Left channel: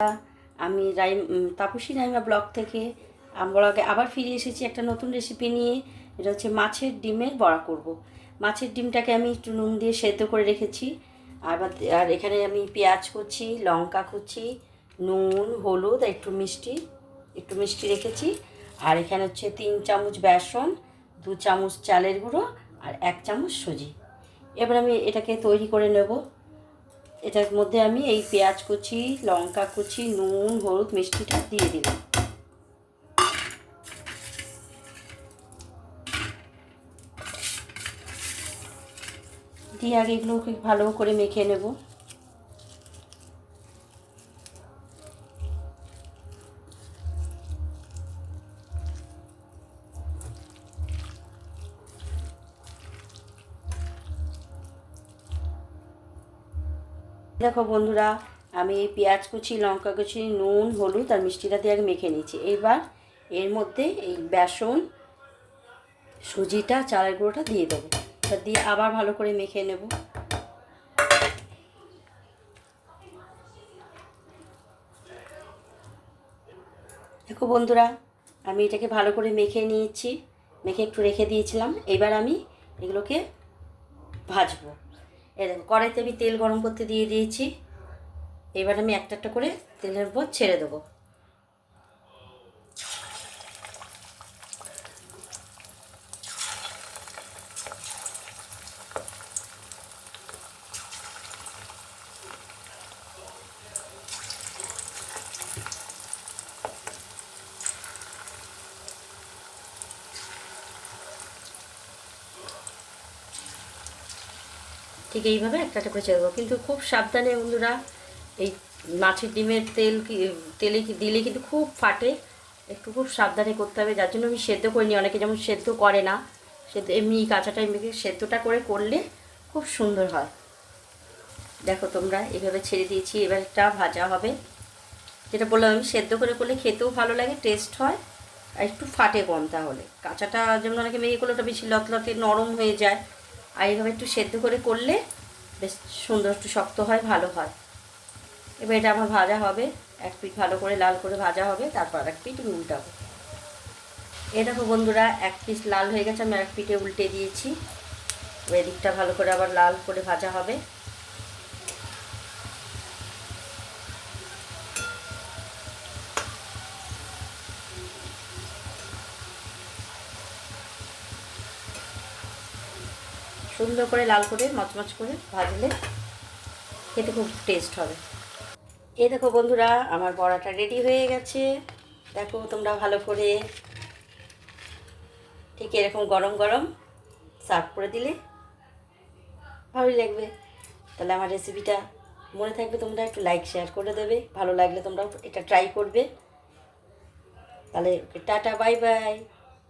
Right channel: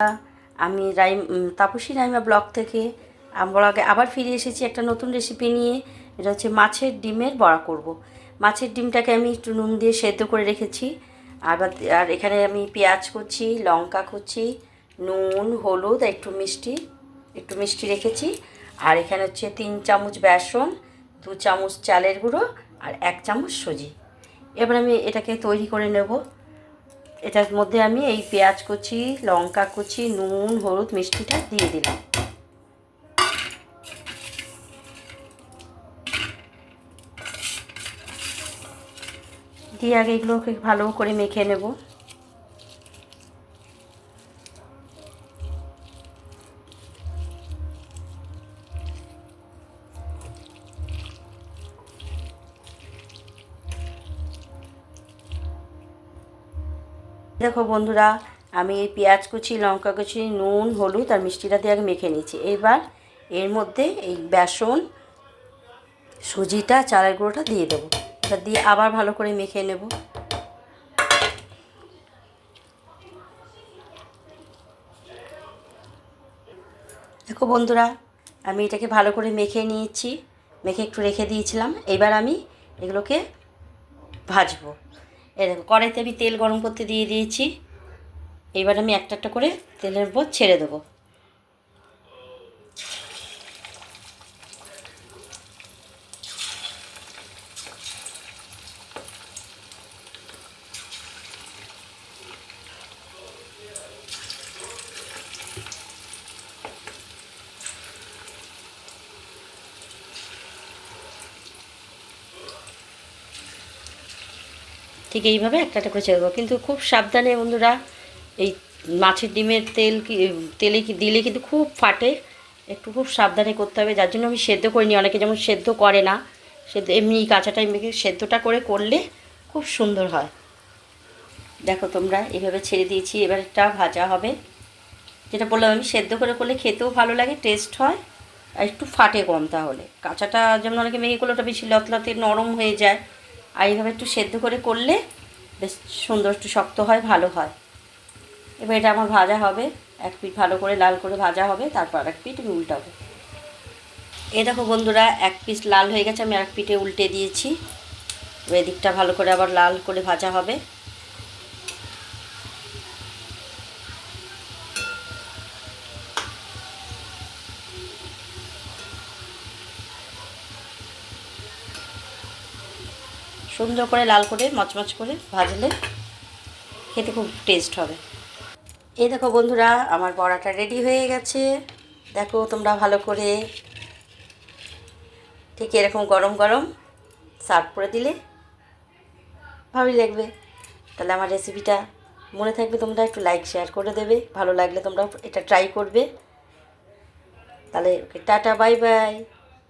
আমি তাপসী রাইমা ব্লগ থেকে ব্লগে আবার ফিরে এসেছি একটা নতুন রেসিপি নিয়ে। এটা হচ্ছে মাছের ডিমের বড়া করব। মাছের ডিমটাকে আমি একটু নুন দিয়ে সেদ্ধ করে রেখেছি। আর এখানে আমি পেঁয়াজ কুচি, লঙ্কা কুচি, নুন, হলুদ, একটু মিষ্টি রেখেছি। আর এখানে হচ্ছে 3 চামচ বেসন, 2 চামচ চালের গুঁড়ো আর 1 চামচ সুজি। এবার আমি এটাকে তৈরি করে নেব। এটার মধ্যে আমি এই পেঁয়াজ কুচি, লঙ্কা কুচি, নুন, হলুদ, মিষ্টিটা দিয়ে দিলাম। দিয়ে আগে এগুলোকে ভালো করে মেখে নেব। দেখো বন্ধুরা, আমি এই পেঁয়াজ কুচি, লঙ্কা কুচি, নুন, হলুদ আর মিষ্টিটা দিয়ে আগে মেখে নিয়েছি। এবার এর মধ্যে এই বেসন, সুজিটা, চালের গুঁড়োটা দিয়ে দেবো। এটা দিয়ে আবার ভালো করে মেখে নেব। দেখো বন্ধুরা, আমি এটাকে ভালো করে মেখে নিয়েছি, মেখে একটু রেখে দিয়েছিলাম। এবার আমি এগুলোকে ভাজবো। এই দেখো, কড়াইতে আমি তেল গরম করতে দিয়ে দিয়েছি। এবার আমি একটা একটা করে তেলের উপর ছেড়ে দেবো। ঠিক এইভাবে একটা একটা করে ছেড়ে দেবো, কিন্তু খুব সাবধানে বন্ধুরা। এই মাছের ডিমের তেলে দিলে কিন্তু খুব ফাটে। একটু খুব সাবধানে করতে হবে, যার জন্য আমি সেদ্ধ করিনি। অনেকে যেমন সেদ্ধ করে না, সেদ্ধ এমনি কাঁচাটা এমনি সেদ্ধটা করলে খুব সুন্দর হয়। দেখো তোমরা, এইভাবে ছেড়ে দিয়েছি। এবার একটা ভাজা হবে। যেটা বললাম, আমি সেদ্ধ করলে খেতেও ভালো লাগে, টেস্ট হয়, আর একটু ফাটে কম। তাহলে কাঁচাটা যেমন অনেকে মেখে করলে ওটা বেশি লতলাতে নরম হয়ে যায়, আর এইভাবে একটু সেদ্ধ করলে বেশ সুন্দর, একটু শক্ত হয়, ভালো হয়। এবার এটা আমার ভাজা হবে। এক পিঠ ভালো করে লাল করে ভাজা হবে, তারপর এক পিঠ আমি উল্টাবো। এই দেখো বন্ধুরা, এক পিস লাল হয়ে গেছে, আমি এক পিঠে উল্টে দিয়েছি। এবার এদিকটা ভালো করে আবার লাল করে ভাজা হবে। সুন্দর করে লাল করে মচমচ করে ভাজলে খেতে খুব টেস্ট হবে। এই দেখো বন্ধুরা, আমার বড়াটা রেডি হয়ে গেছে। দেখো তোমরা ভালো করে, ঠিক এরকম গরম গরম সার্ভ করে দিলে ভালোই লাগবে। তাহলে আমার রেসিপিটা মনে থাকবে, তোমরা একটু লাইক শেয়ার করে দেবে। ভালো লাগলে তোমরা এটা ট্রাই করবে। তাহলে টাটা, বাই বাই।